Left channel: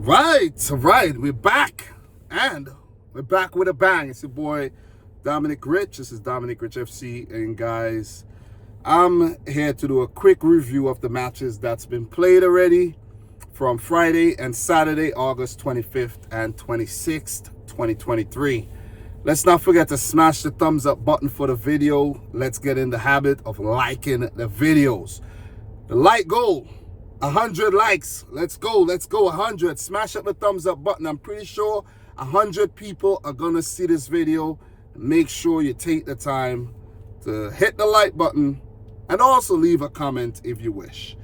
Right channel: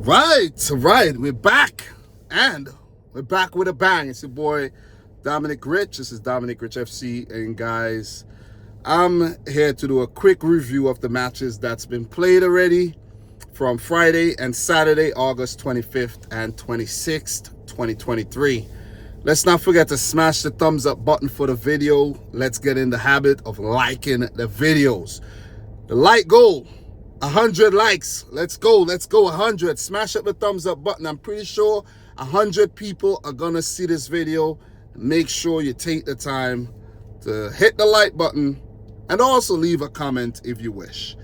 Right. We're back. And we're back with a bang. It's your boy, Dominic Rich. This is Dominic Rich F.C. And guys, I'm here to do a quick review of the matches that's been played already from Friday and Saturday, August 25th and 26th, 2023. Let's not forget to smash the thumbs up button for the video. Let's get in the habit of liking the videos. The like goal, 100 likes. Let's go 100. Smash up the thumbs up button. I'm pretty sure 100 people are gonna see this video. Make sure you take the time to hit the like button and also leave a comment if you wish.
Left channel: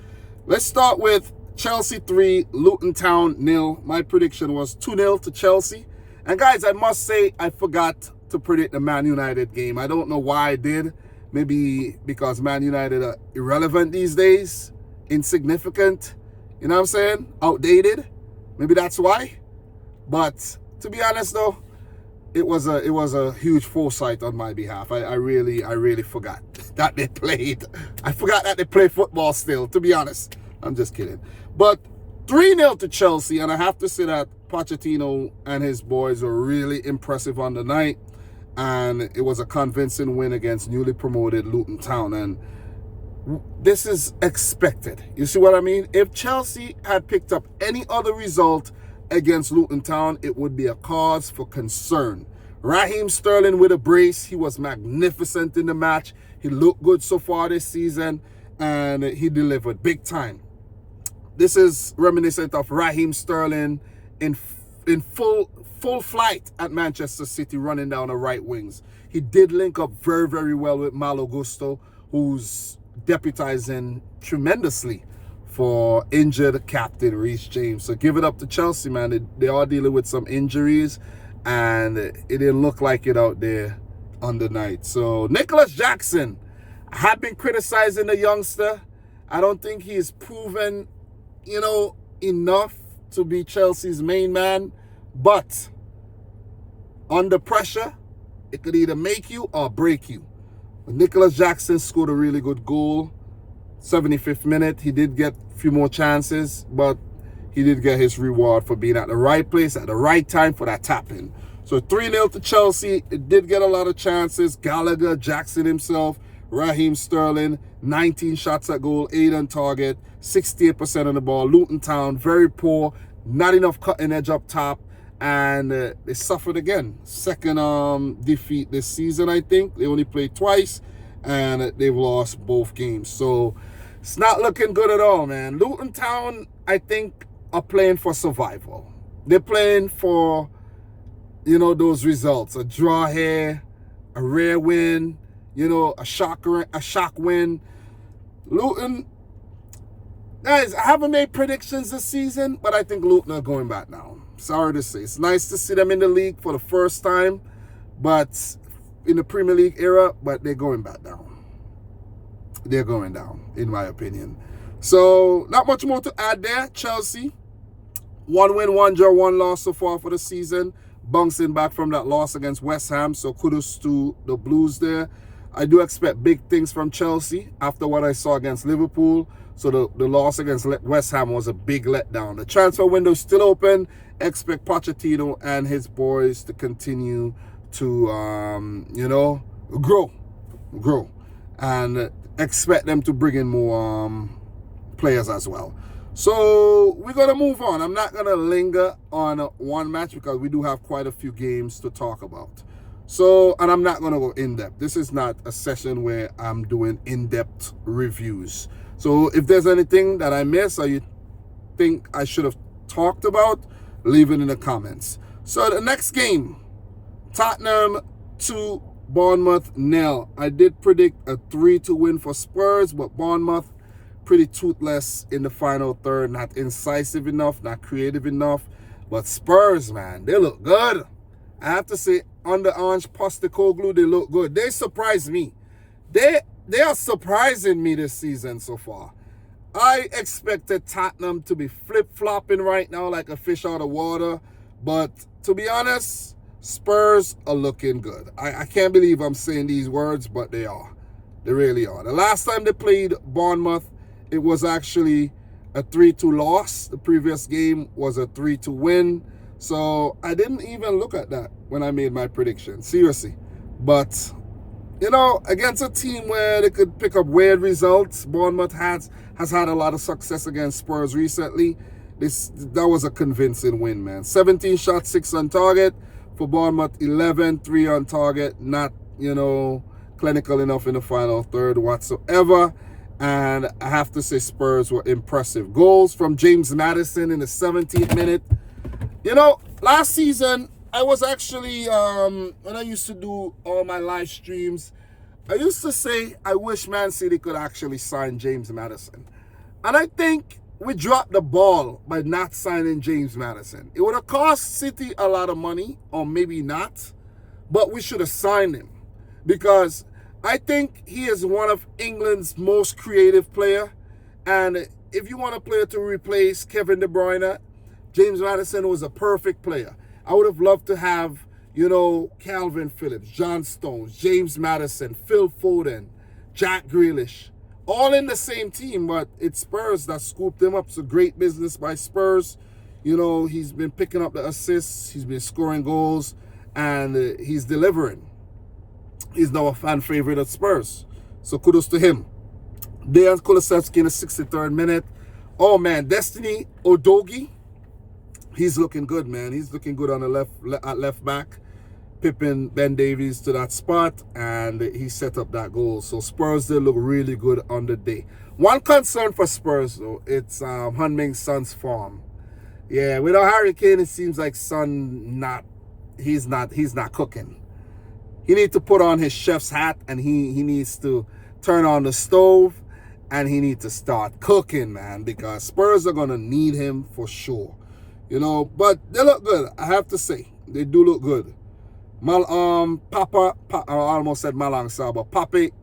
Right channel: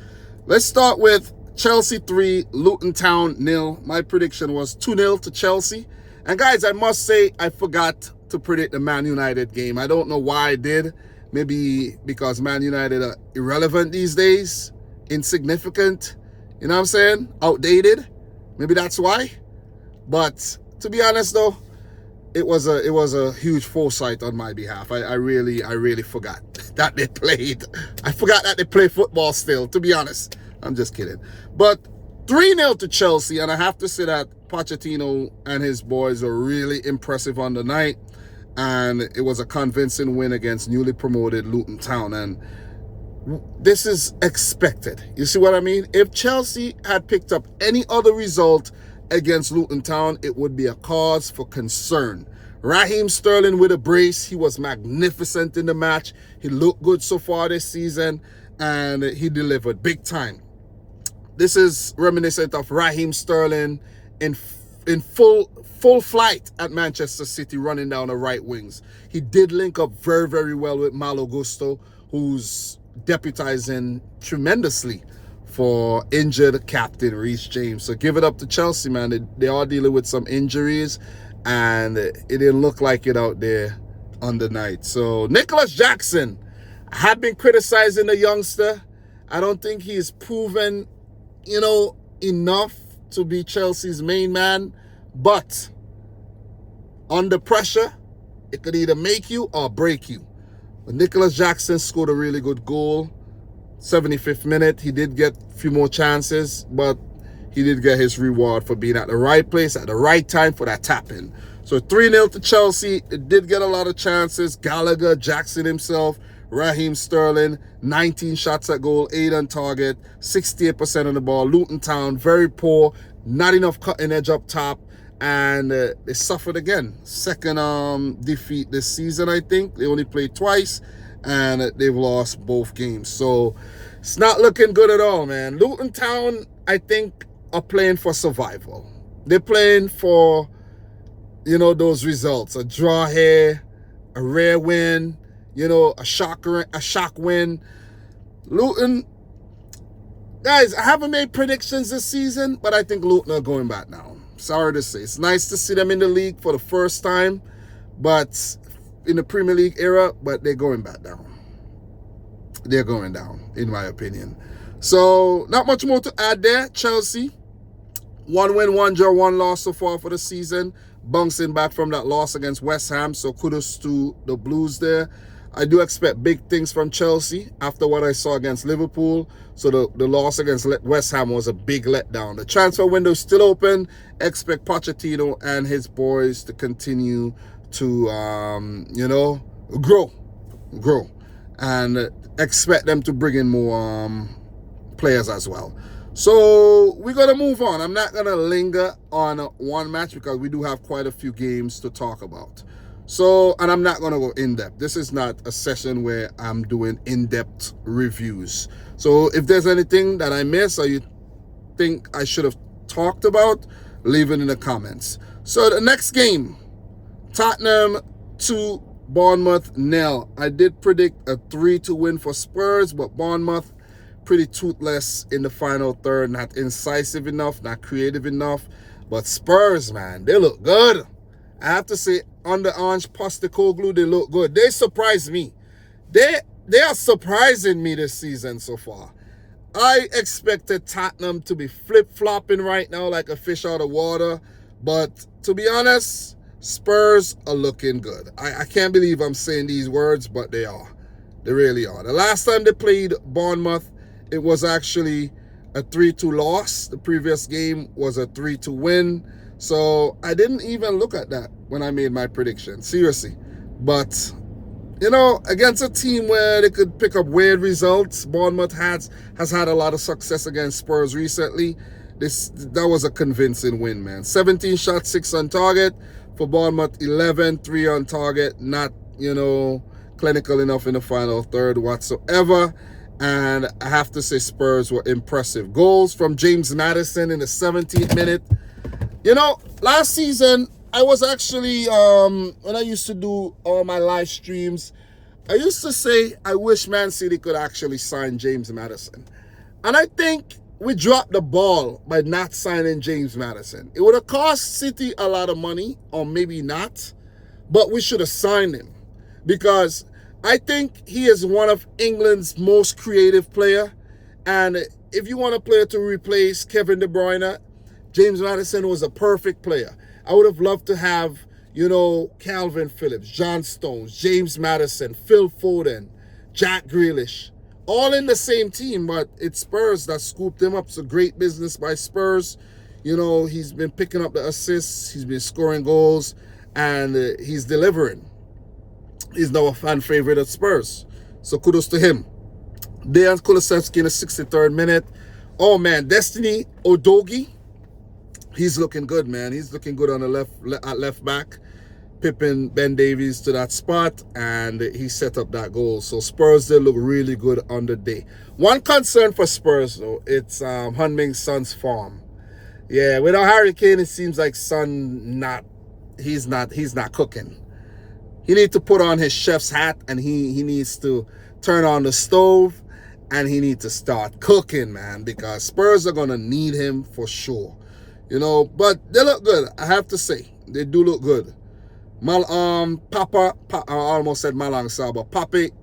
Let's start with Chelsea 3, Luton Town 0. My prediction was 2-0 to Chelsea. And guys, I must say I forgot to predict the Man United game. I don't know why I did. Maybe because Man United are irrelevant these days, insignificant, you know what I'm saying? Outdated. Maybe that's why. But to be honest though, it was a huge foresight on my behalf. I really forgot that they played. I forgot that they play football still, to be honest. I'm just kidding. But 3-0 to Chelsea, and I have to say that Pochettino and his boys were really impressive on the night, and it was a convincing win against newly promoted Luton Town, and this is expected. You see what I mean? If Chelsea had picked up any other result against Luton Town, it would be a cause for concern. Raheem Sterling with a brace. He was magnificent in the match. He looked good so far this season, and he delivered big time. This is reminiscent of Raheem Sterling in full flight at Manchester City, running down the right wings. He did link up very well with Malo Gusto, who's deputizing tremendously for injured captain Reece James. So give it up to Chelsea, man. They are dealing with some injuries, and it didn't look like it out there on the night. So Nicholas Jackson, I have been criticizing the youngster. I don't think he's proven, enough to be Chelsea's main man, but under pressure, it could either make you or break you. But Nicholas Jackson scored a really good goal. 75th minute, he did get a few more chances, but he did get his reward for being at the right place at the right time for that tap-in. So 3-0 to Chelsea. It did get a lot of chances. Gallagher, Jackson himself, Raheem Sterling, 19 shots at goal, 8 on target, 68% on the ball. Luton Town, very poor, not enough cutting edge up top, and they suffered again. Second defeat this season, I think. They only played twice, and they've lost both games. So it's not looking good at all, man. Luton Town, I think, are playing for survival. They're playing for, those results. A draw here, a rare win, a shock win. Luton, guys, I haven't made predictions this season, but I think Luton are going back now. Sorry to say. It's nice to see them in the league for the first time, but in the Premier League era, but they're going back down. They're going down, in my opinion. So, not much more to add there. Chelsea, 1 win, 1 draw, 1 loss so far for the season. Bouncing back from that loss against West Ham, so kudos to the Blues there. I do expect big things from Chelsea after what I saw against Liverpool. So the loss against West Ham was a big letdown. The transfer window is still open. Expect Pochettino and his boys to continue to, grow. And expect them to bring in more players as well. So we're going to move on. I'm not going to linger on one match because we do have quite a few games to talk about. So, and I'm not going to go in-depth. This is not a session where I'm doing in-depth reviews. So if there's anything that I miss or you think I should have talked about, leave it in the comments. So the next game, Tottenham 2, Bournemouth 0. I did predict a 3-2 win for Spurs, but Bournemouth pretty toothless in the final third, not incisive enough, not creative enough. But Spurs, man, they look good. I have to say, under Ange Postecoglou, they look good. They surprised me. They are surprising me this season so far. I expected Tottenham to be flip-flopping right now like a fish out of water. But to be honest, Spurs are looking good. I can't believe I'm saying these words, but they are. They really are. The last time they played Bournemouth, it was actually a 3-2 loss. The previous game was a 3-2 win. So I didn't even look at that when I made my prediction, seriously. But, you know, against a team where they could pick up weird results, Bournemouth has had a lot of success against Spurs recently. That was a convincing win, man. 17 shots, 6 on target. For Bournemouth, 11, 3 on target. Not, you know, clinical enough in the final third whatsoever. And I have to say Spurs were impressive. Goals from James Maddison in the 17th minute. You know, last season, I was actually, when I used to do all my live streams, I used to say I wish Man City could actually sign James Maddison. And I think we dropped the ball by not signing James Maddison. It would have cost City a lot of money, or maybe not, but we should have signed him because I think he is one of England's most creative player. And if you want a player to replace Kevin De Bruyne, James Maddison was a perfect player. I would have loved to have, you know, Calvin Phillips, John Stones, James Maddison, Phil Foden, Jack Grealish, all in the same team, but it's Spurs that scooped him up. It's a great business by Spurs. You know, he's been picking up the assists, he's been scoring goals, and he's delivering. He's now a fan favorite at Spurs. So kudos to him. Dejan Kulusevski in the 63rd minute. Oh man, Destiny Udogie. He's looking good, man. He's looking good on the left back. Pippin Ben Davies to that spot, and he set up that goal. So Spurs did look really good on the day. One concern for Spurs, though, it's Heung-min Son's form. Yeah, without Harry Kane, it seems like Son he's not cooking. He needs to put on his chef's hat, and he needs to turn on the stove, and he needs to start cooking, man, because Spurs are gonna need him for sure. You know, but they look good. I have to say, they do look good. I almost said Malang Sarr, but Pape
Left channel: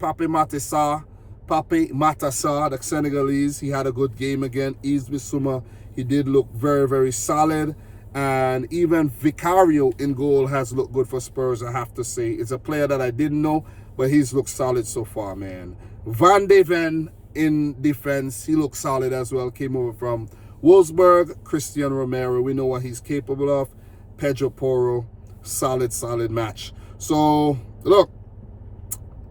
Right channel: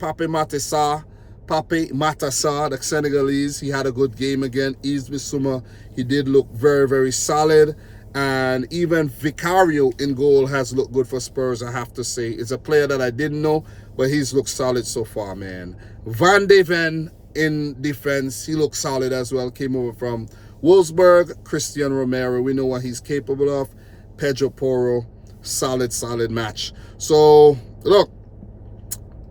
Matar, the Senegalese, he had a good game again. Yves Bissouma, he did look very, very solid. And even Vicario in goal has looked good for Spurs, I have to say. It's a player that I didn't know, but he's looked solid so far, man. Van de Ven in defense, he looked solid as well. Came over from Wolfsburg. Christian Romero, we know what he's capable of. Pedro Porro, solid match. So, look,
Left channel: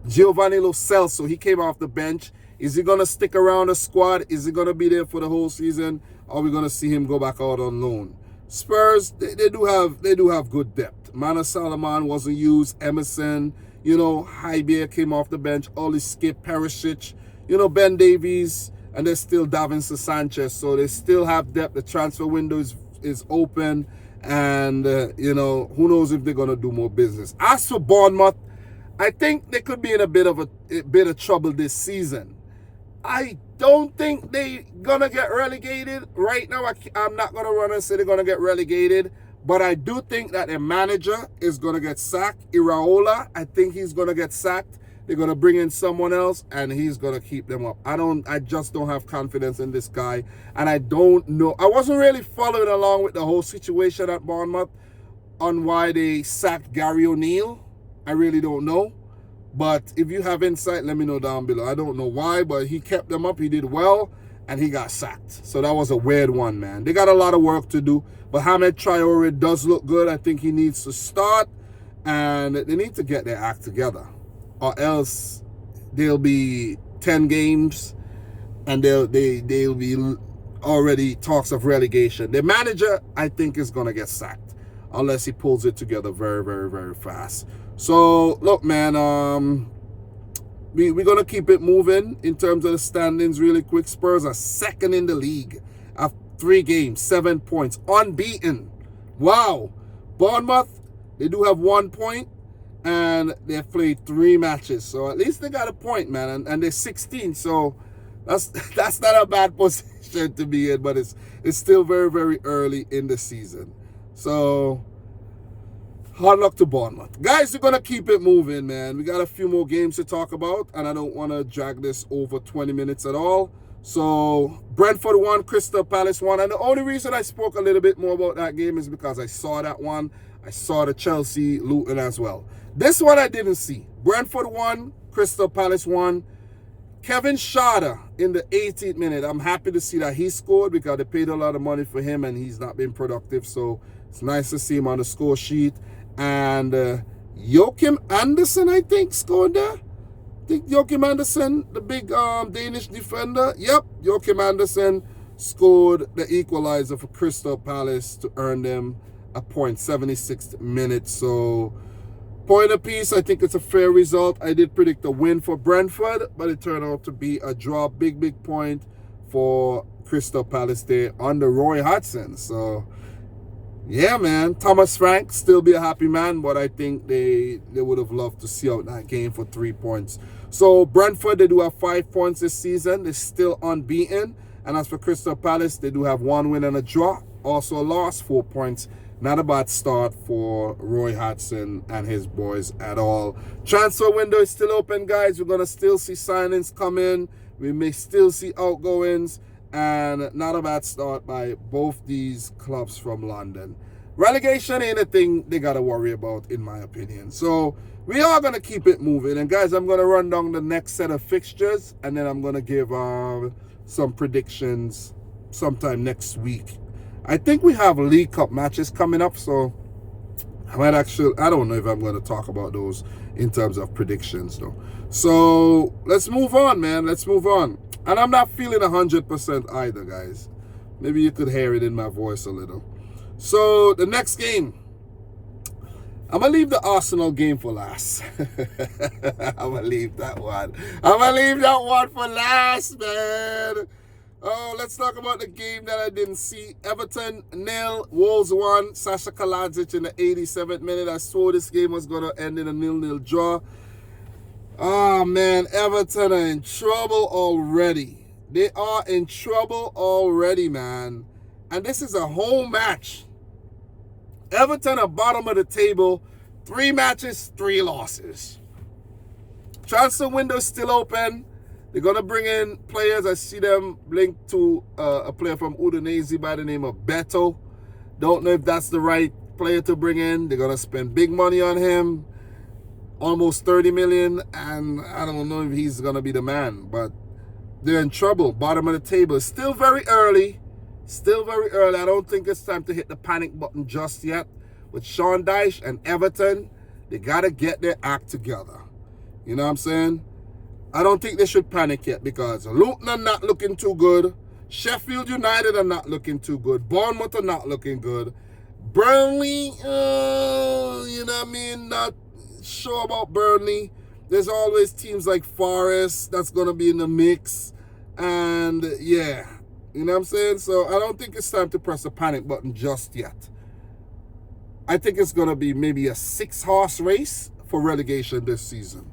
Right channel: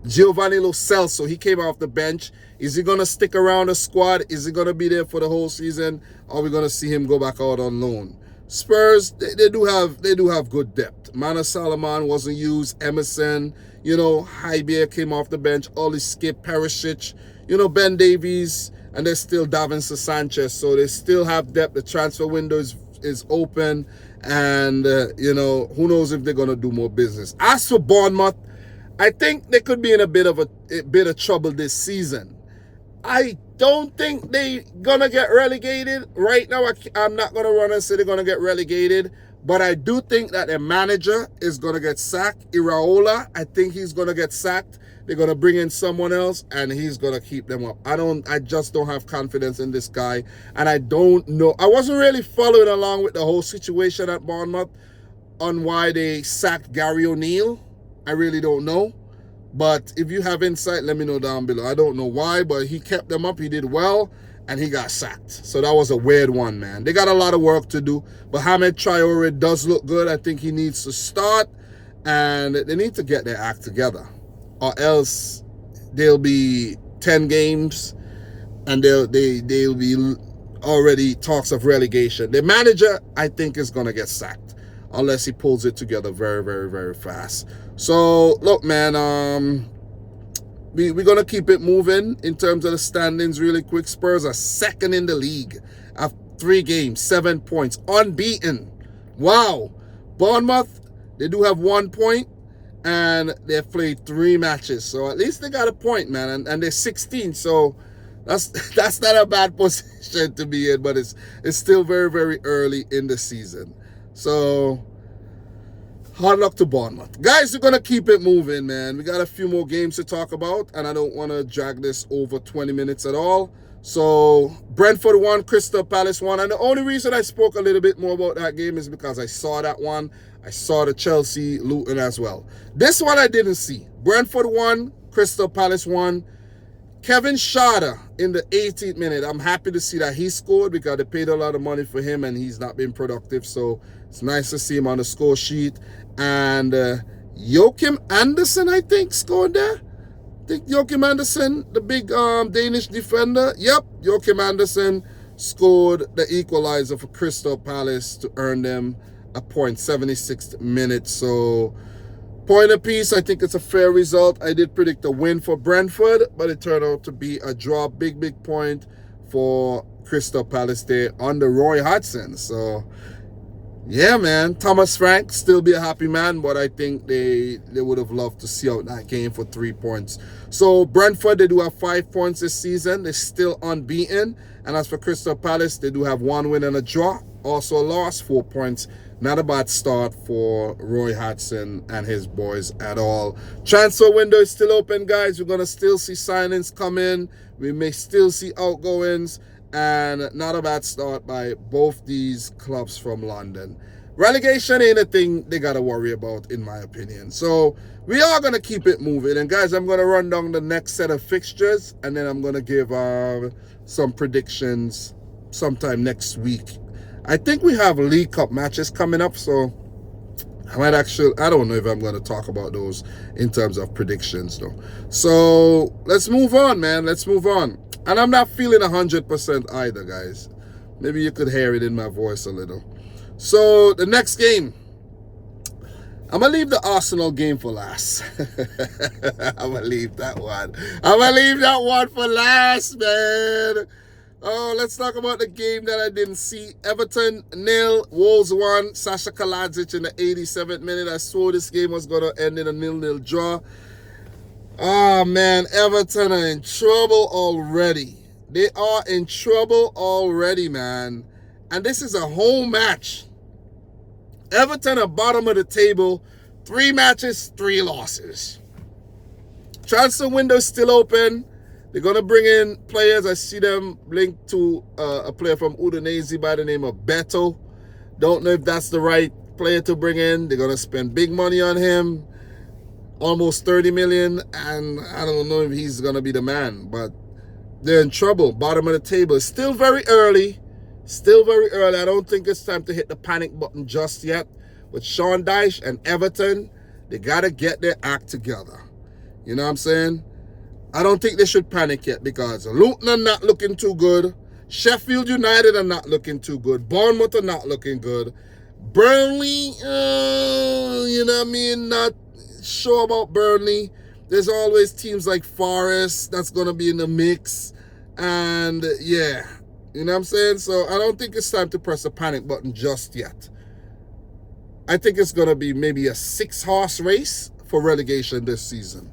Giovanni Lo Celso, he came off the bench. Is he going to stick around the squad? Is he going to be there for the whole season? Or are we going to see him go back out on loan? Spurs, they do have good depth. Mana Salomon wasn't used. Emerson, you know, Hybier came off the bench. Oli Skip, Perisic, you know, Ben Davies, and there's still Davinson Sanchez. So they still have depth. The transfer window is open. And, you know, who knows if they're going to do more business. As for Bournemouth, I think they could be in a bit of trouble this season. I don't think they're going to get relegated. Right now, I'm not going to run and say they're going to get relegated. But I do think that their manager is going to get sacked. Iraola, I think he's going to get sacked. They're going to bring in someone else, and he's going to keep them up. I just don't have confidence in this guy. And I don't know. I wasn't really following along with the whole situation at Bournemouth on why they sacked Gary O'Neill. I really don't know. But if you have insight, let me know down below. I don't know why, but he kept them up. He did well, and he got sacked. So that was a weird one, man. They got a lot of work to do. But Hamed Traore does look good. I think he needs to start, and they need to get their act together. Or else there'll be 10 games, and they'll be already talks of relegation. The manager, I think, is going to get sacked unless he pulls it together very, very, very fast. So, look, man, we're going to keep it moving in terms of the standings really quick. Spurs are second in the league after 3 games, 7 points, unbeaten. Wow. Bournemouth, they do have 1 point, and they've played 3 matches. So at least they got a point, man, and they're 16. So that's not a bad position to be in, but it's still very, very early in the season. So hard luck to Bournemouth. Guys, we're going to keep it moving, man. We got a few more games to talk about, and I don't want to drag this over 20 minutes at all. So Brentford won, Crystal Palace won. And the only reason I spoke a little bit more about that game is because I saw that one. I saw the Chelsea Luton as well. This one I didn't see. Brentford won, Crystal Palace won. Kevin Schade in the 18th minute. I'm happy to see that he scored because they paid a lot of money for him and he's not been productive. So it's nice to see him on the score sheet. And Joachim Andersen, I think, scored there. I think Joachim Andersen, the big Danish defender. Yep, Joachim Andersen scored the equalizer for Crystal Palace to earn them a point, 76th minute. So point apiece, I think it's a fair result. I did predict a win for Brentford, but it turned out to be a draw. Big point for Crystal Palace there under Roy Hodgson. So yeah, man, Thomas Frank still be a happy man, but I think they would have loved to see out that game for 3 points. So Brentford, they do have 5 points this season. They're still unbeaten. And as for Crystal Palace, they do have 1 win and a draw. Also a loss, 4 points. Not a bad start for Roy Hodgson and his boys at all. Transfer window is still open, guys. We're going to still see signings come in. We may still see outgoings. And not a bad start by both these clubs from London. Relegation ain't a thing they got to worry about, in my opinion. So we are going to keep it moving. And guys, I'm going to run down the next set of fixtures. And then I'm going to give some predictions sometime next week. I think we have League Cup matches coming up. So I don't know if I'm going to talk about those in terms of predictions, though. So let's move on, man. Let's move on. And I'm not feeling 100% either, guys. Maybe you could hear it in my voice a little. So the next game, I'm going to leave the Arsenal game for last. I'm going to leave that one. I'm going to leave that one for last, man. Oh, let's talk about the game that I didn't see. Everton 0, Wolves 1. Sasha Kaladzic in the 87th minute. I swore this game was going to end in a 0-0 draw. Oh, man, Everton are in trouble already. They are in trouble already, man. And this is a home match. Everton are bottom of the table. 3 matches, 3 losses. Transfer window still open. They're going to bring in players. I see them linked to a player from Udinese by the name of Beto. Don't know if that's the right player to bring in. They're going to spend big money on him. Almost 30 million, and I don't know if he's going to be the man, but they're in trouble. Bottom of the table. Still very early. Still very early. I don't think it's time to hit the panic button just yet. With Sean Dyche and Everton, they got to get their act together. You know what I'm saying? I don't think they should panic yet because Luton are not looking too good. Sheffield United are not looking too good. Bournemouth are not looking good. Burnley, you know what I mean? Not sure about Burnley. There's always teams like Forest that's going to be in the mix. And yeah, you know what I'm saying? So I don't think it's time to press the panic button just yet. I think it's going to be maybe a 6-horse race for relegation this season.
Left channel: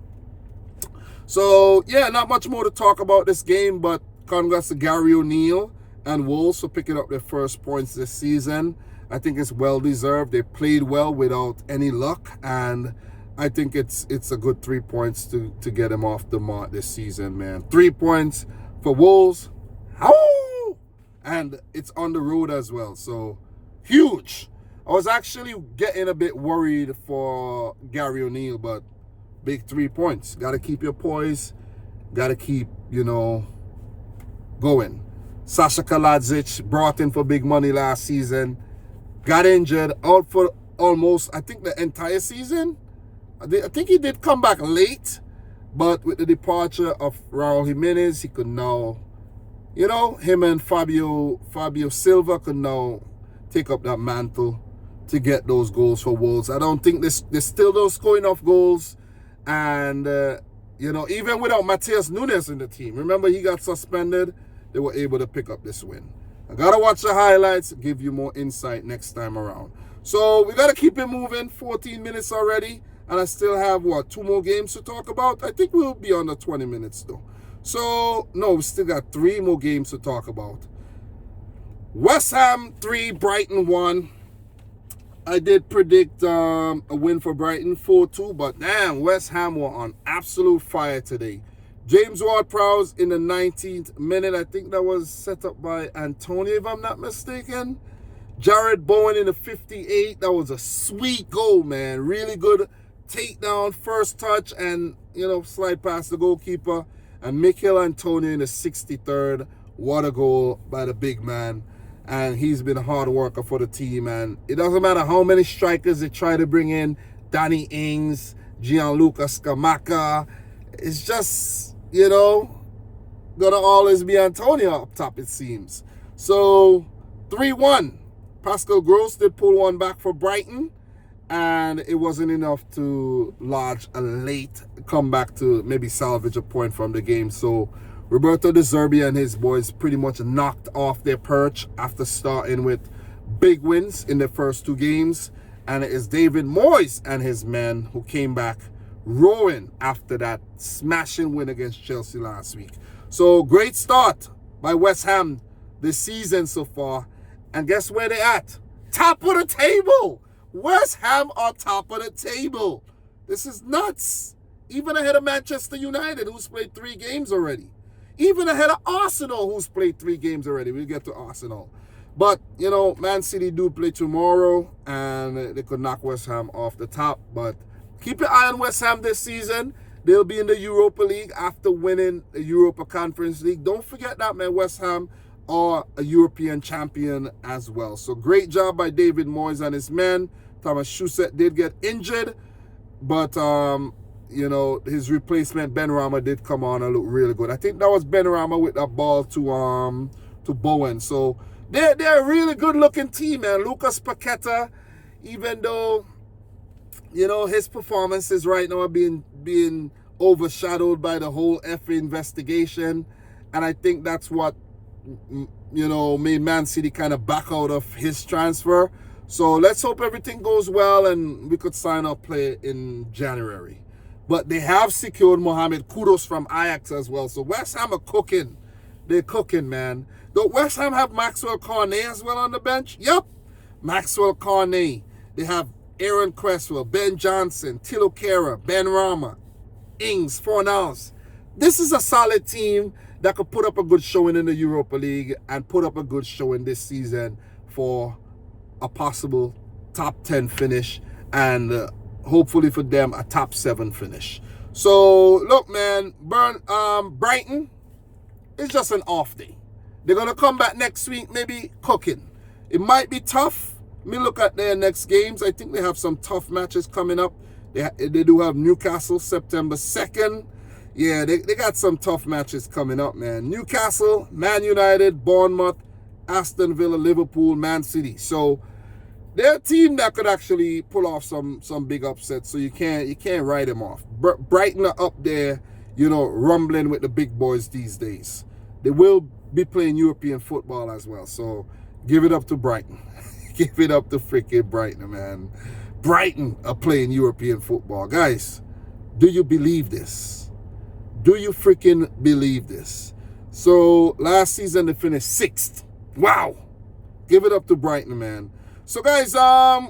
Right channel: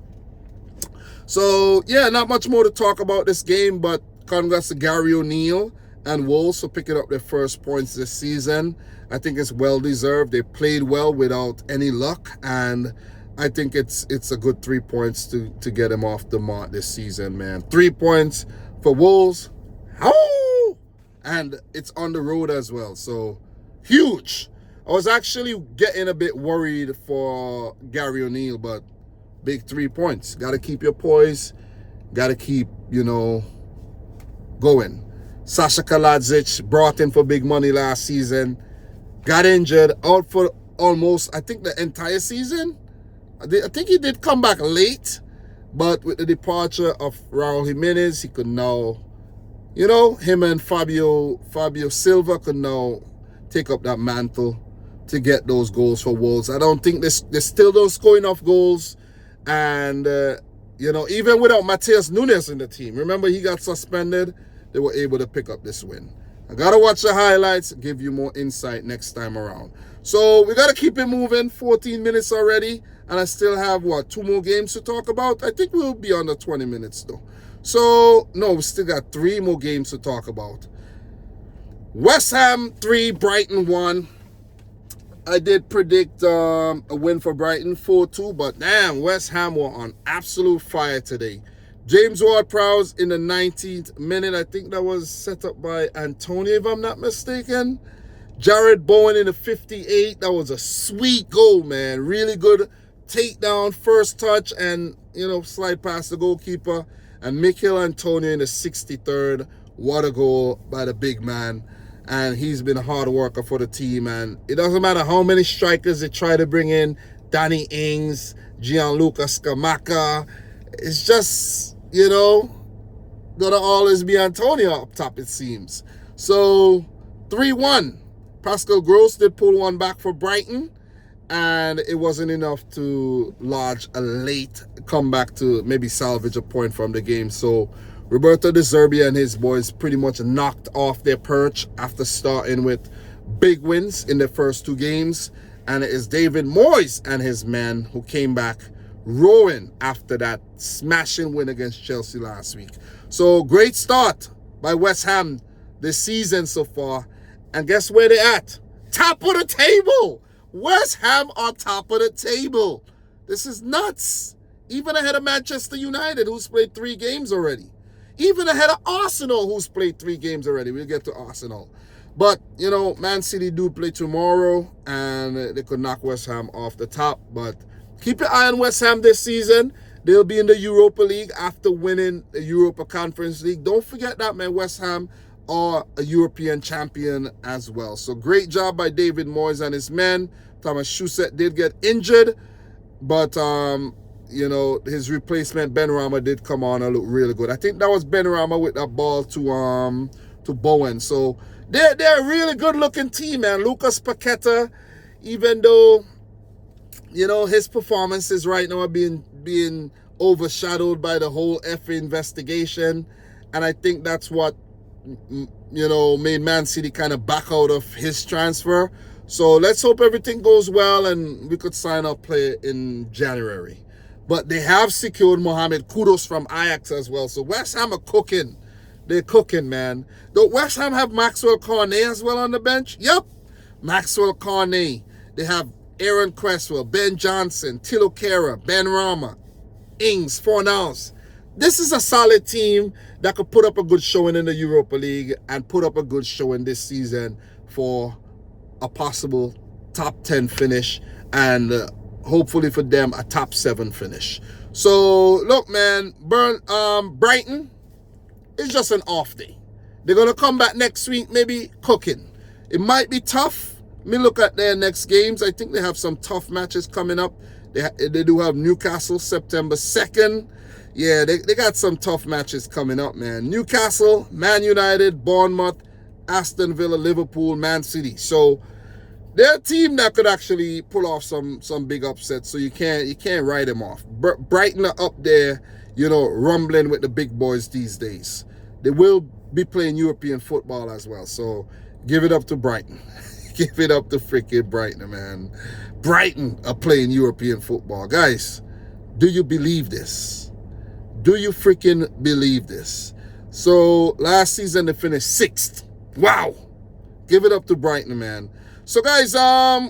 So yeah, not much more to talk about this game, but congrats to Gary O'Neill and Wolves for picking up their first points this season. I think it's well deserved. They played well without any luck, and I think it's a good 3 points to get them off the mark this season, man. 3 points for Wolves. And it's on the road as well. So huge. I was actually getting a bit worried for Gary O'Neill, but big 3 points. Got to keep your poise. Got to keep, going. Sasha Kaladzic brought in for big money last season. Got injured. Out for almost, I think, the entire season. I think he did come back late. But with the departure of Raul Jimenez, he could now, him and Fabio Silva could now take up that mantle to get those goals for Wolves. I don't think they still don't score enough goals. And, even without Matheus Nunes in the team, remember he got suspended, they were able to pick up this win. I got to watch the highlights, give you more insight next time around. So we got to keep it moving, 14 minutes already. And I still have, 2 more games to talk about? I think we'll be under 20 minutes, though. So, no, we still got 3 more games to talk about. West Ham 3, Brighton 1. I did predict a win for Brighton, 4-2. But, damn, West Ham were on absolute fire today. James Ward-Prowse in the 19th minute. I think that was set up by Antonio, if I'm not mistaken. Jared Bowen in the 58th. That was a sweet goal, man. Really good takedown, first touch, and, slide past the goalkeeper. And Mikel Antonio in the 63rd, what a goal by the big man. And he's been a hard worker for the team. And it doesn't matter how many strikers they try to bring in, Danny Ings, Gianluca Scamacca. It's just, gonna always be Antonio up top, it seems. So 3-1. Pascal Gross did pull one back for Brighton, and it wasn't enough to lodge a late comeback to maybe salvage a point from the game. So Roberto De Zerbi and his boys pretty much knocked off their perch after starting with big wins in the first two games. And it is David Moyes and his men who came back rowing after that smashing win against Chelsea last week. So great start by West Ham this season so far. And guess where they're at? Top of the table. West Ham are top of the table. This is nuts. Even ahead of Manchester United, who's played 3 games already. Even ahead of Arsenal, who's played 3 games already. We'll get to Arsenal. But, Man City do play tomorrow, and they could knock West Ham off the top. But keep your eye on West Ham this season. They'll be in the Europa League after winning the Europa Conference League. Don't forget that, man. West Ham are a European champion as well. So great job by David Moyes and his men. Thomas Tuchel did get injured, but his replacement Ben Rama did come on and look really good. I think that was Ben Rama with that ball to Bowen. So they're a really good looking team, man. Lucas Paqueta, even though his performances right now are being overshadowed by the whole FA investigation, and I think that's what made Man City kind of back out of his transfer. So let's hope everything goes well and we could sign up play in January. But they have secured Mohamed Kudus from Ajax as well. So West Ham are cooking. They're cooking, man. Don't West Ham have Maxwell Cornet as well on the bench? Yep. Maxwell Cornet. They have Aaron Cresswell, Ben Johnson, Tilo Kehrer, Ben Rama, Ings, Fornals. This is a solid team that could put up a good showing in the Europa League and put up a good showing this season for a possible top 10 finish and hopefully for them a top 7 finish. So look, man, Brighton is just an off day. They're gonna come back next week, maybe cooking. It might be tough. Let me look at their next games. I think they have some tough matches coming up. They do have Newcastle September 2nd. Yeah, they got some tough matches coming up, man. Newcastle, Man United, Bournemouth, Aston Villa, Liverpool, Man City. So they're a team that could actually pull off some big upsets. So you can't write them off. Brighton are up there, rumbling with the big boys these days. They will be playing European football as well. So give it up to Brighton. Give it up to freaking Brighton, man. Brighton are playing European football. Guys, do you believe this? Do you freaking believe this? So last season they finished 6th. Wow. Give it up to Brighton, man. So guys,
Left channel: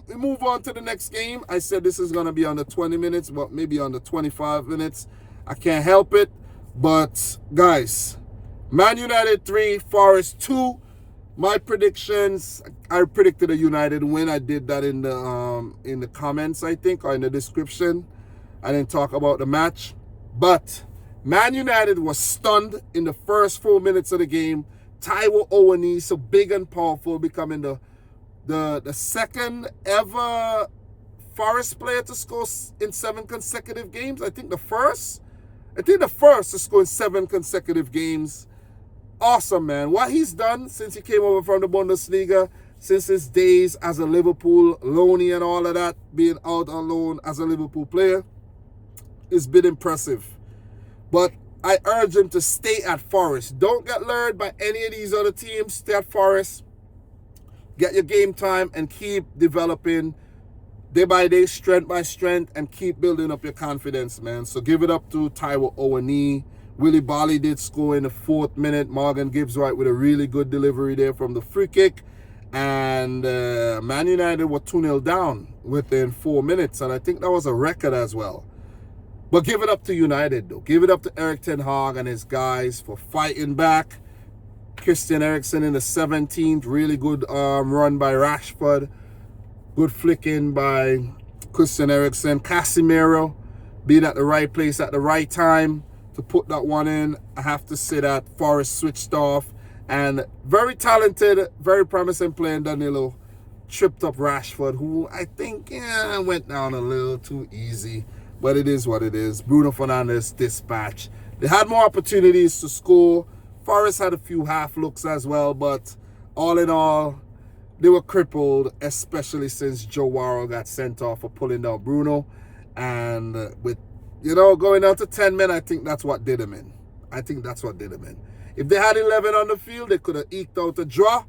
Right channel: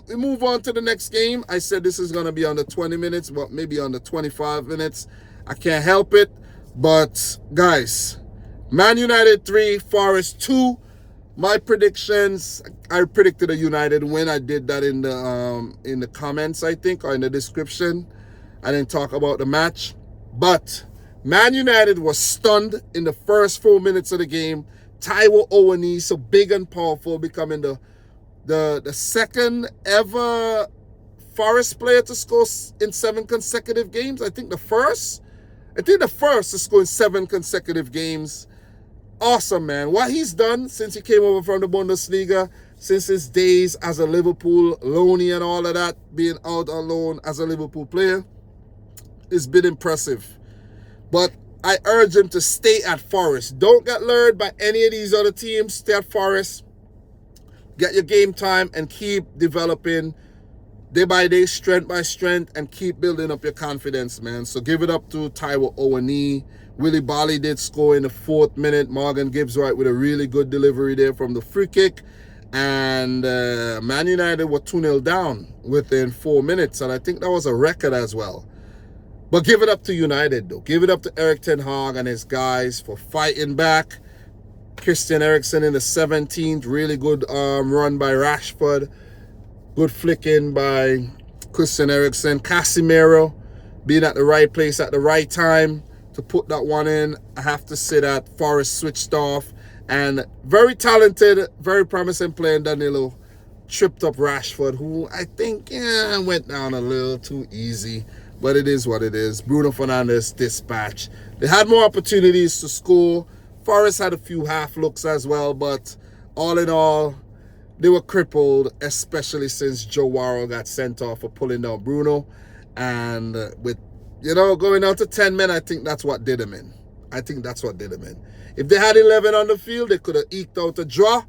we move on to the next game. I said this is gonna be under 20 minutes, but maybe under 25 minutes. I can't help it. But guys, Man United 3, Forest 2. My predictions, I predicted a United win. I did that in the comments, I think, or in the description. I didn't talk about the match. But Man United was stunned in the first 4 minutes of the game. Taiwo Owani, so big and powerful, becoming the second ever Forest player to score in 7 consecutive games. I think the first to score in 7 consecutive games. Awesome, man. What he's done since he came over from the Bundesliga, since his days as a Liverpool loanee and all of that, being out on loan as a Liverpool player, it's been impressive. But I urge him to stay at Forest. Don't get lured by any of these other teams. Stay at Forest. Get your game time and keep developing day by day, strength by strength, and keep building up your confidence, man. So give it up to Taiwo Owani. Willie Barley did score in the 4th minute. Morgan Gibbs-White with a really good delivery there from the free kick. And Man United were 2-0 down within 4 minutes. And I think that was a record as well. But give it up to United, though. Give it up to Erik ten Hag and his guys for fighting back. Christian Eriksen in the 17th. Really good run by Rashford. Good flicking by Christian Eriksen. Casemiro being at the right place at the right time to put that one in. I have to say that Forest switched off, and very talented, very promising player Danilo tripped up Rashford, who I think went down a little too easy, but it is what it is. Bruno Fernandes dispatch. They had more opportunities to score. Forest had a few half looks as well, but all in all, they were crippled, especially since Joe Warrow got sent off for pulling down Bruno. And with, going down to 10 men, I think that's what did them in. If they had 11 on the field, they could have eked out a draw,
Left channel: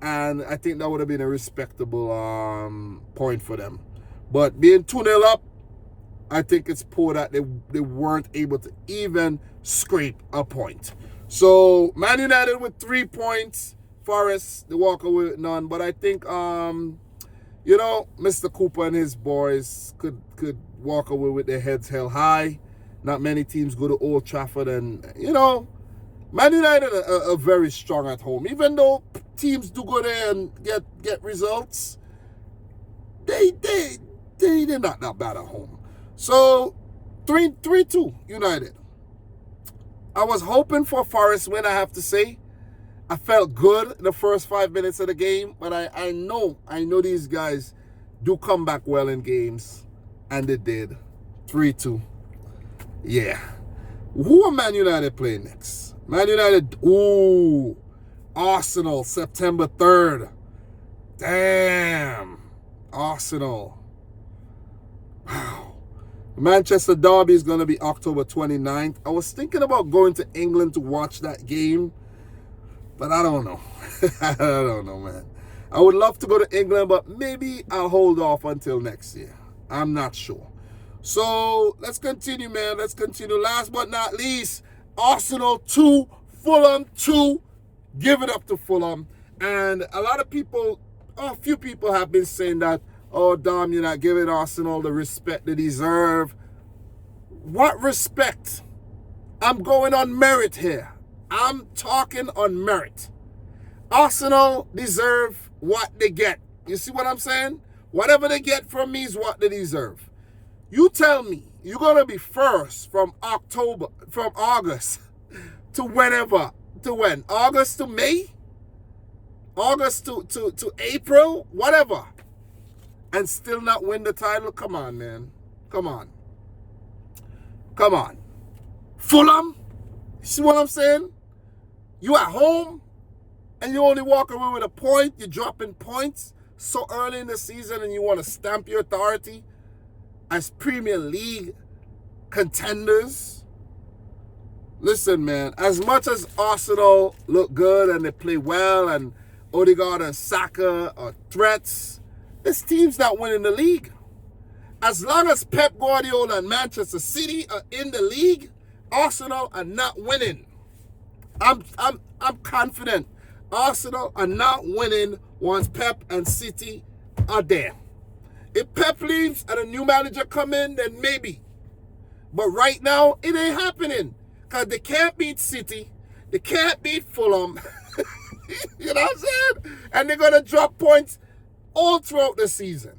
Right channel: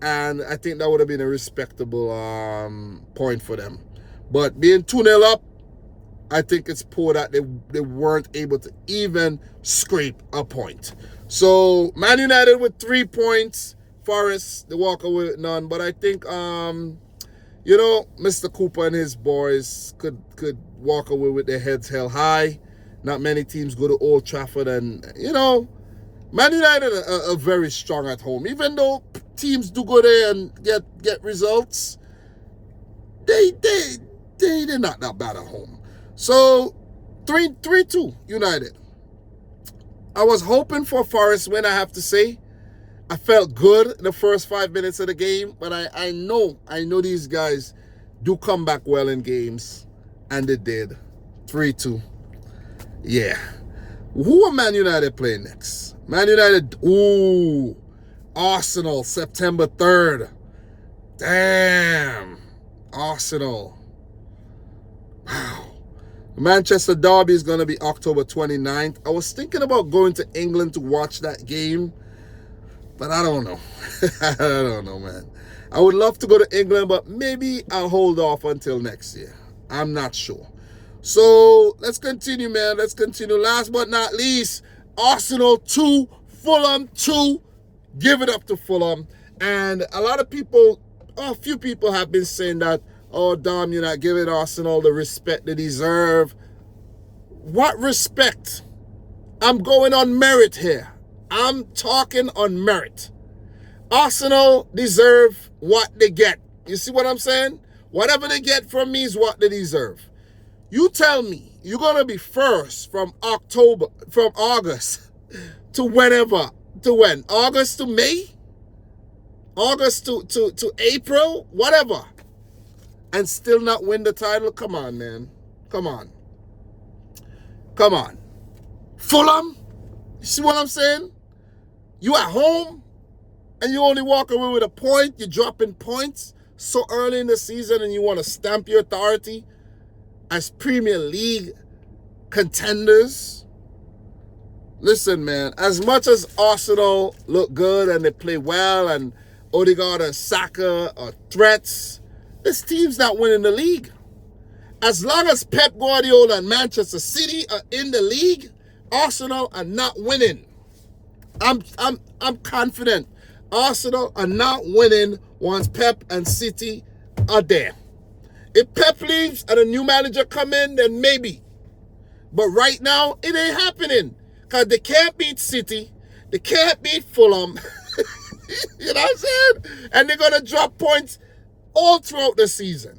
and I think that would have been a respectable point for them. But being 2-0 up, I think it's poor that they weren't able to even scrape a point. So, Man United with 3 points. Forest, they walk away with none. But I think, Mr. Cooper and his boys could walk away with their heads held high. Not many teams go to Old Trafford, and, Man United are very strong at home. Even though teams do go there and get results, they're not that bad at home. So, 3-2 United. I was hoping for a Forest win, I have to say. I felt good in the first 5 minutes of the game, but I know these guys do come back well in games, and they did. 3-2. Yeah. Who are Man United playing next? Man United, Arsenal, September 3rd. Damn. Arsenal. Wow. Manchester Derby is going to be October 29th. I was thinking about going to England to watch that game, but I don't know. I don't know, man. I would love to go to England, but maybe I'll hold off until next year. I'm not sure. So let's continue, man. Let's continue. Last but not least, Arsenal 2, Fulham 2. Give it up to Fulham. And a few people have been saying that, oh, Dom, you're not giving Arsenal the respect they deserve. What respect? I'm going on merit here. I'm talking on merit. Arsenal deserve what they get. You see what I'm saying? Whatever they get from me is what they deserve. You tell me you're going to be first from August to whenever. To when? August to May? August to April? Whatever. And still not win the title? Come on, man. Come on. Fulham? You see what I'm saying? You at home and you only walk away with a point. You're dropping points so early in the season, and you want to stamp your authority as Premier League contenders. Listen, man, as much as Arsenal look good and they play well, and Odegaard and Saka are threats, this team's not winning the league. As long as Pep Guardiola and Manchester City are in the league, Arsenal are not winning. I'm confident Arsenal are not winning once Pep and City are there. If Pep leaves and a new manager come in, then maybe. But right now, it ain't happening. Because they can't beat City. They can't beat Fulham. You know what I'm saying? And they're going to drop points all throughout the season.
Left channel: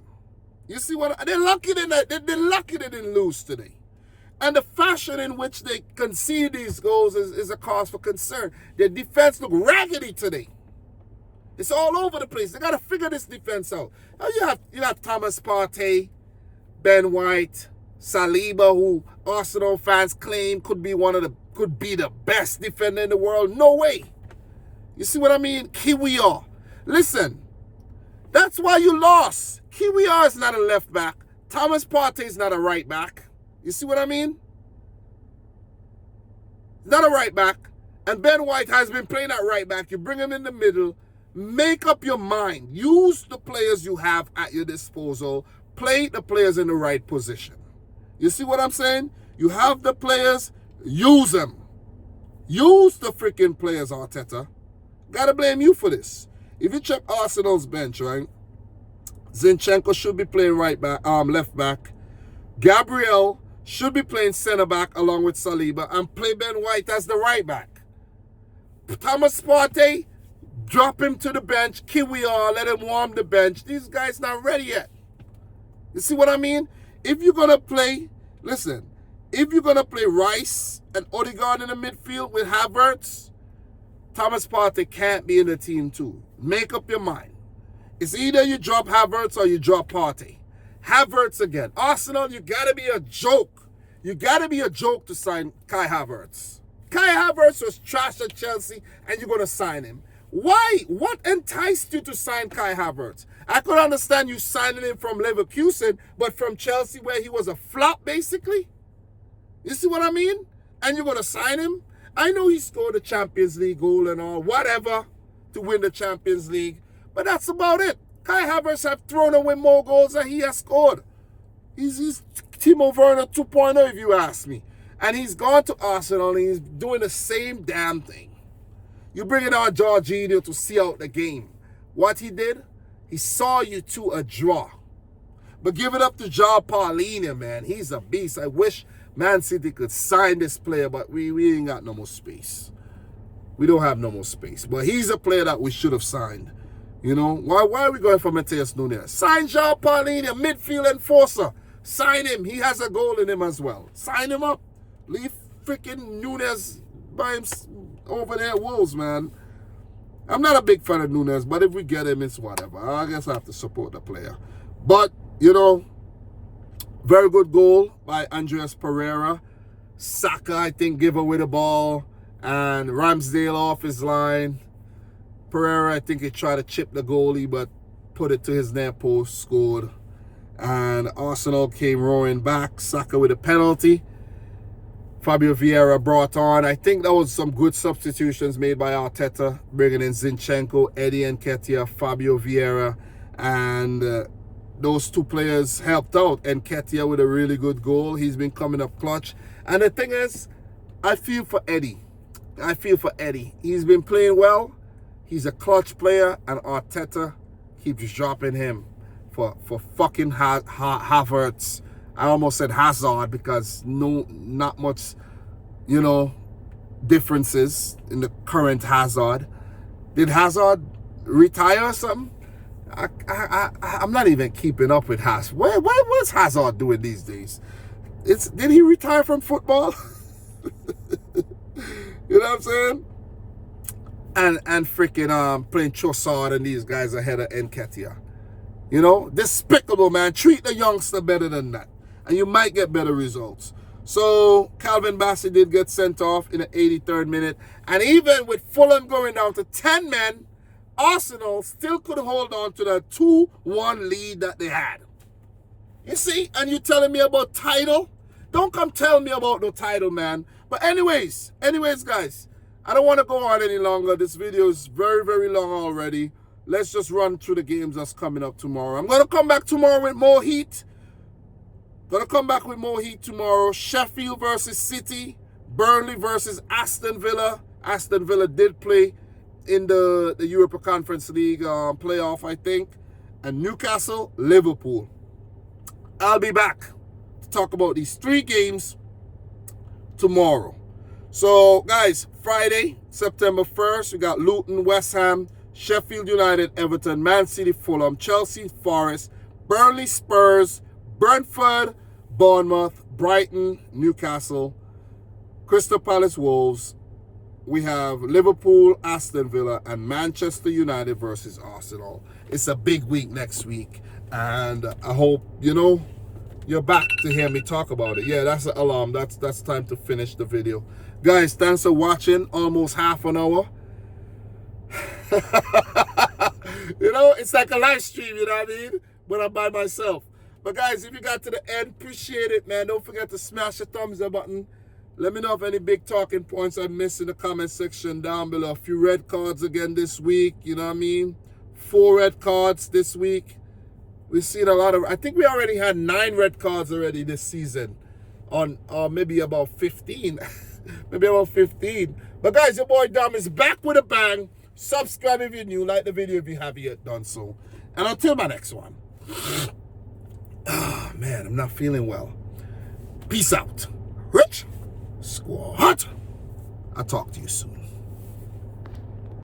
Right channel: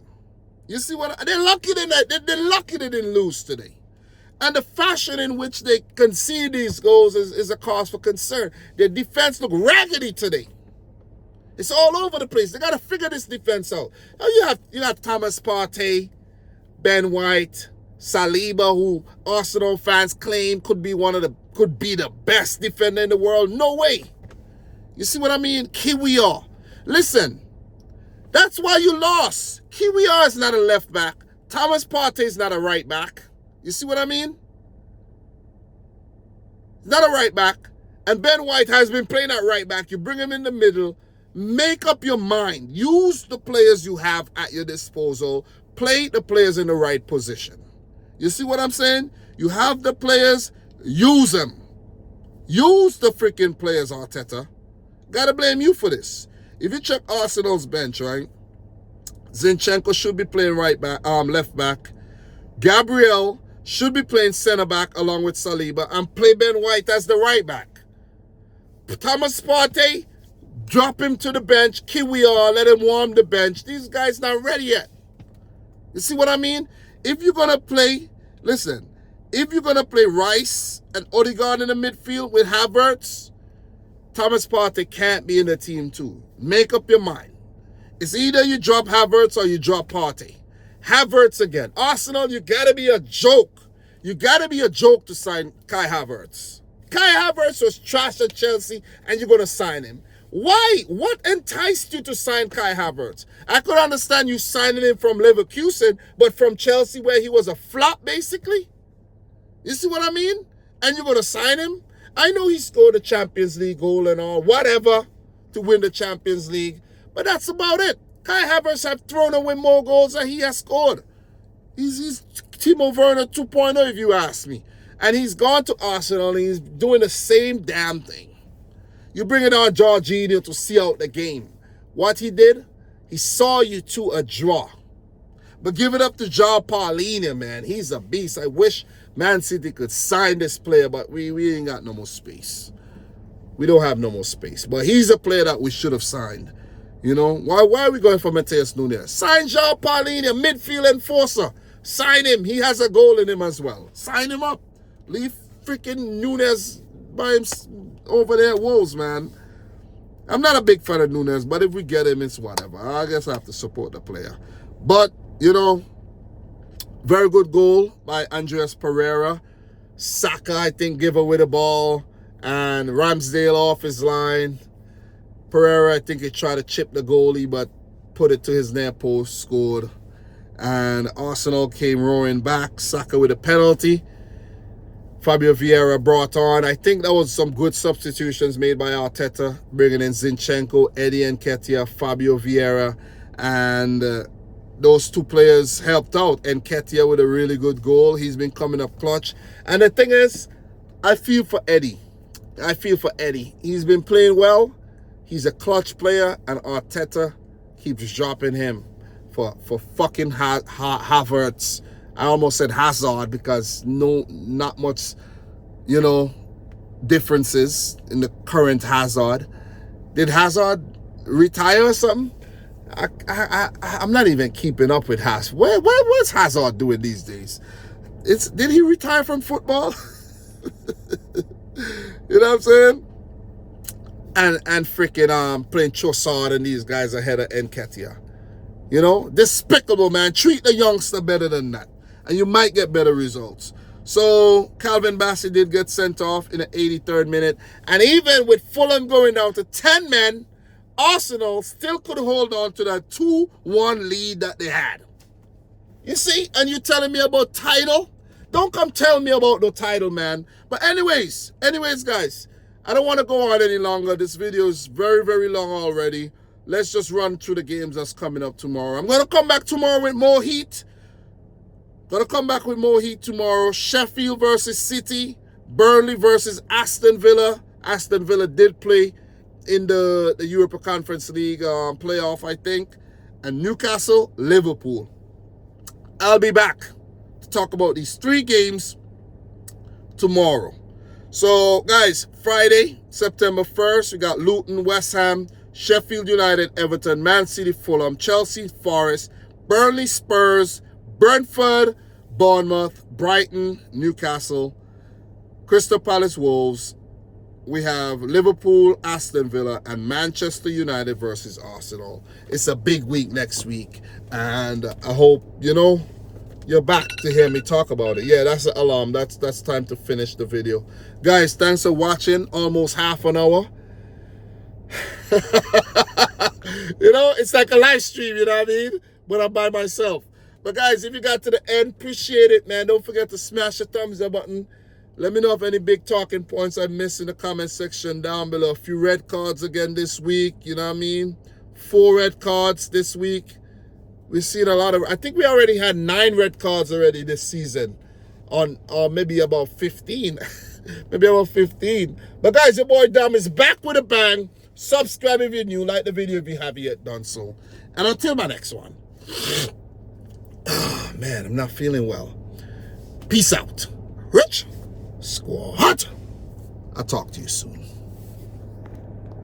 You see what? They're lucky they didn't lose today. And the fashion in which they concede these goals is a cause for concern. Their defense look raggedy today. It's all over the place. They got to figure this defense out. You got Thomas Partey, Ben White, Saliba, who Arsenal fans claim could be the best defender in the world. No way. You see what I mean? Kiwior. Listen, that's why you lost. Kiwior is not a left back. Thomas Partey is not a right back. You see what I mean? Not a right back. And Ben White has been playing at right back. You bring him in the middle. Make up your mind. Use the players you have at your disposal. Play the players in the right position. You see what I'm saying? You have the players. Use them. Use the freaking players, Arteta. Gotta blame you for this. If you check Arsenal's bench, right? Zinchenko should be playing left back. Gabriel should be playing center back along with Saliba, and play Ben White as the right back. Thomas Partey, drop him to the bench. Kiwior, let him warm the bench. These guys not ready yet. You see what I mean? If you're going to play, listen, if you're going to play Rice and Odegaard in the midfield with Havertz, Thomas Partey can't be in the team too. Make up your mind. It's either you drop Havertz or you drop Partey. Havertz again. Arsenal, you got to be a joke. You got to be a joke to sign Kai Havertz. Kai Havertz was trash at Chelsea and you're going to sign him. Why? What enticed you to sign Kai Havertz? I could understand you signing him from Leverkusen, but from Chelsea where he was a flop basically? You see what I mean? And you're going to sign him? I know he scored a Champions League goal and all, whatever, to win the Champions League. But that's about it. Kai Havertz have thrown away more goals than he has scored. He's Timo Werner 2.0 if you ask me. And he's gone to Arsenal and he's doing the same damn thing. You bring it on Jorginho to see out the game. What he did? He saw you to a draw. But give it up to John Paulina, man. He's a beast. I wish Man City could sign this player, but we ain't got no more space. We don't have no more space. But he's a player that we should have signed. You know, why are we going for Matheus Nunes? Sign John Paulina, midfield enforcer. Sign him. He has a goal in him as well. Sign him up. Leave freaking Nunes by him over there at Wolves, man. I'm not a big fan of Nunes, but if we get him, it's whatever. I guess I have to support the player. But, you know, very good goal by Andreas Pereira. Saka, I think, gave away the ball. And Ramsdale off his line. Pereira, I think he tried to chip the goalie, but put it to his near post, scored. And Arsenal came roaring back. Saka with a penalty. Fabio Vieira brought on. I think that was some good substitutions made by Arteta, bringing in Zinchenko, Eddie Nketiah, Fabio Vieira, and those two players helped out. Nketiah with a really good goal. He's been coming up clutch. And the thing is, I feel for Eddie. He's been playing well. He's a clutch player, and Arteta keeps dropping him for fucking Havertz. I almost said Hazard because not much, you know, differences in the current Hazard. Did Hazard retire or something? I'm not even keeping up with Hazard. What's Hazard doing these days? Did he retire from football? You know what I'm saying? And freaking playing Trossard and these guys ahead of Nketiah. You know, despicable, man. Treat the youngster better than that, and you might get better results. So Calvin Bassey did get sent off in the 83rd minute. And even with Fulham going down to 10 men, Arsenal still could hold on to that 2-1 lead that they had. You see? And you telling me about title? Don't come tell me about no title, man. But anyways, guys, I don't want to go on any longer. This video is very, very long already. Let's just run through the games that's coming up tomorrow. I'm going to come back tomorrow with more heat. Tomorrow. Sheffield versus City. Burnley versus Aston Villa. Aston Villa did play in the Europa Conference League playoff, I think. And Newcastle, Liverpool. I'll be back to talk about these 3 games tomorrow. So, guys, Friday, September 1st, we got Luton, West Ham, Sheffield United, Everton, Man City, Fulham, Chelsea, Forest, Burnley, Spurs, Brentford, Bournemouth, Brighton, Newcastle, Crystal Palace, Wolves. We have Liverpool, Aston Villa, and Manchester United versus Arsenal. It's a big week next week, and I hope, you know, you're back to hear me talk about it. Yeah, that's the alarm. That's time to finish the video. Guys, thanks for watching. Almost half an hour. You know, it's like a live stream, you know what I mean? But I'm by myself. But guys, if you got to the end, appreciate it, man. Don't forget to smash the thumbs up button. Let me know if any big talking points I missed in the comment section down below. A few red cards again this week, you know what I mean? 4 red cards this week. We've seen a lot of, I think we already had 9 red cards already this season. Or maybe about 15. Maybe about 15. But guys, your boy Dom is back with a bang. Subscribe if you're new. Like the video if you haven't yet done so. And until my next one. Oh, man, I'm not feeling well. Peace out. Rich Squad. I'll talk to you soon.